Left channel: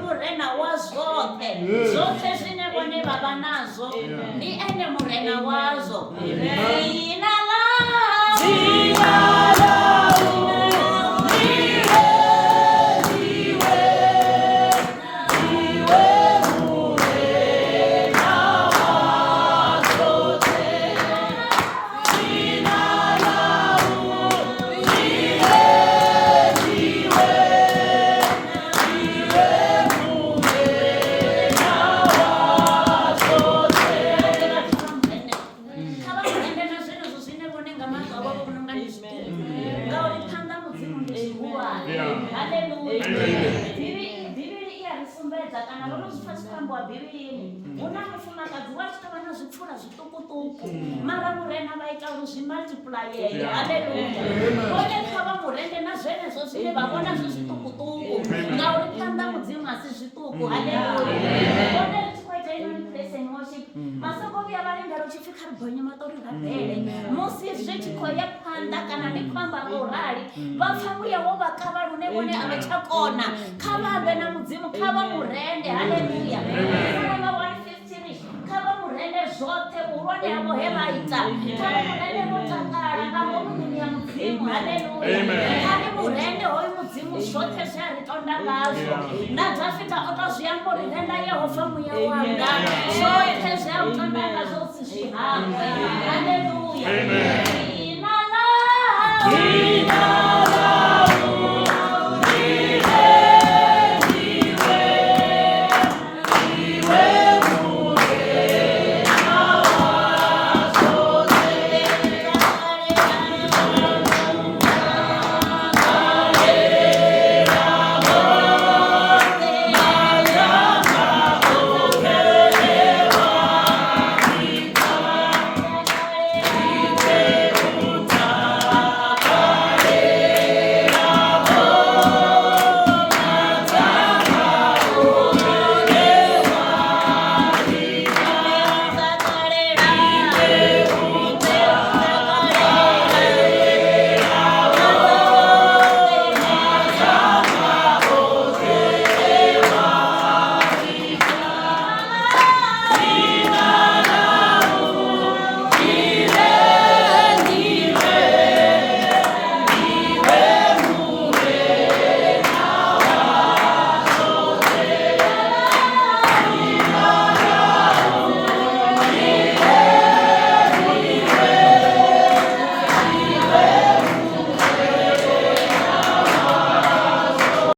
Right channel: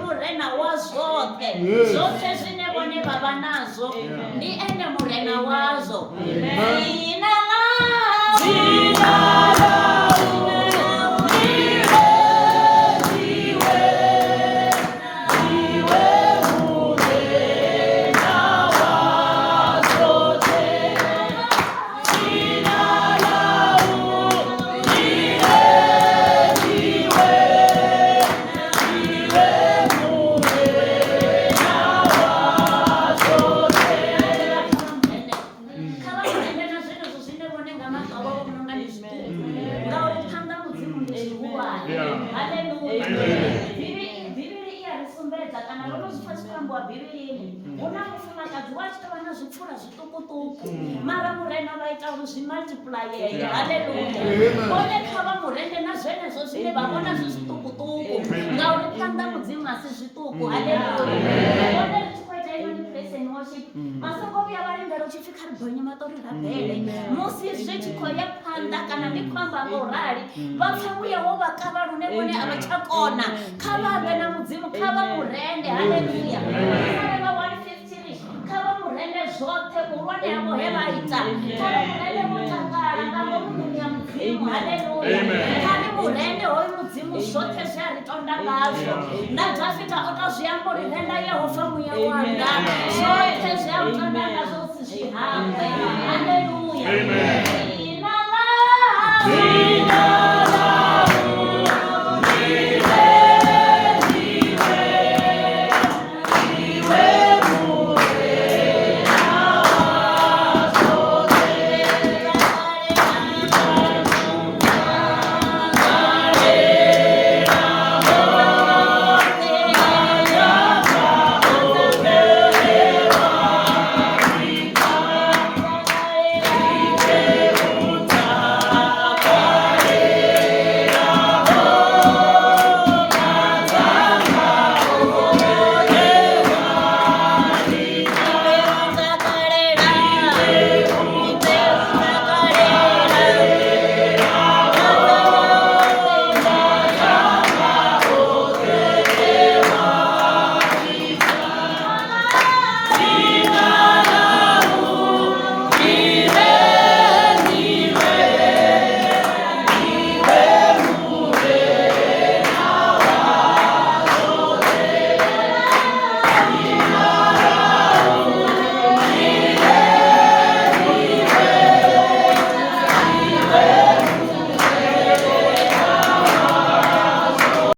murena wa zwoṱhe zwoṱhe zwine vhone vha vha nazwo ndi ene murena wazwo. Dzina mara murena vha ita uri zwi multiplyeye. Haleluya. Vhone kha vha murende na zwenezwo zwine vha vhona zwi zwiṱukuṱuku ngauri phanḓa mudzimu a si zwiṱuku. Haleluya. Vhone ri tshi khou ita iṅwe praise and worship masoko vhuya vha lindela u tshi pfhi kha ri gonye maṱori rabele musi zwi tshi khou ya phanḓa kana ndi khou amba nga u rali vha pfa vhuya wo vha kavha lune vhone a vha tsha kona. Kha vha vhe na mudzimu, kha vha murende. Haleluya. Kha vha murende zwoṱhe vhuhulwane havho he vha ita. Kha vha murende vho takala nga ngomu ya mudzimu. Haleluya. Kha ri murende hoyu mudzimu zwoṱhe zwe a ri tonda ngazwo. Na Dafita o to zwi amba uri renda Yehova muya wanga zwoṱhe zwe a u tonda ngazwo si zwi hangwe. Haleluya. Dzina ḽa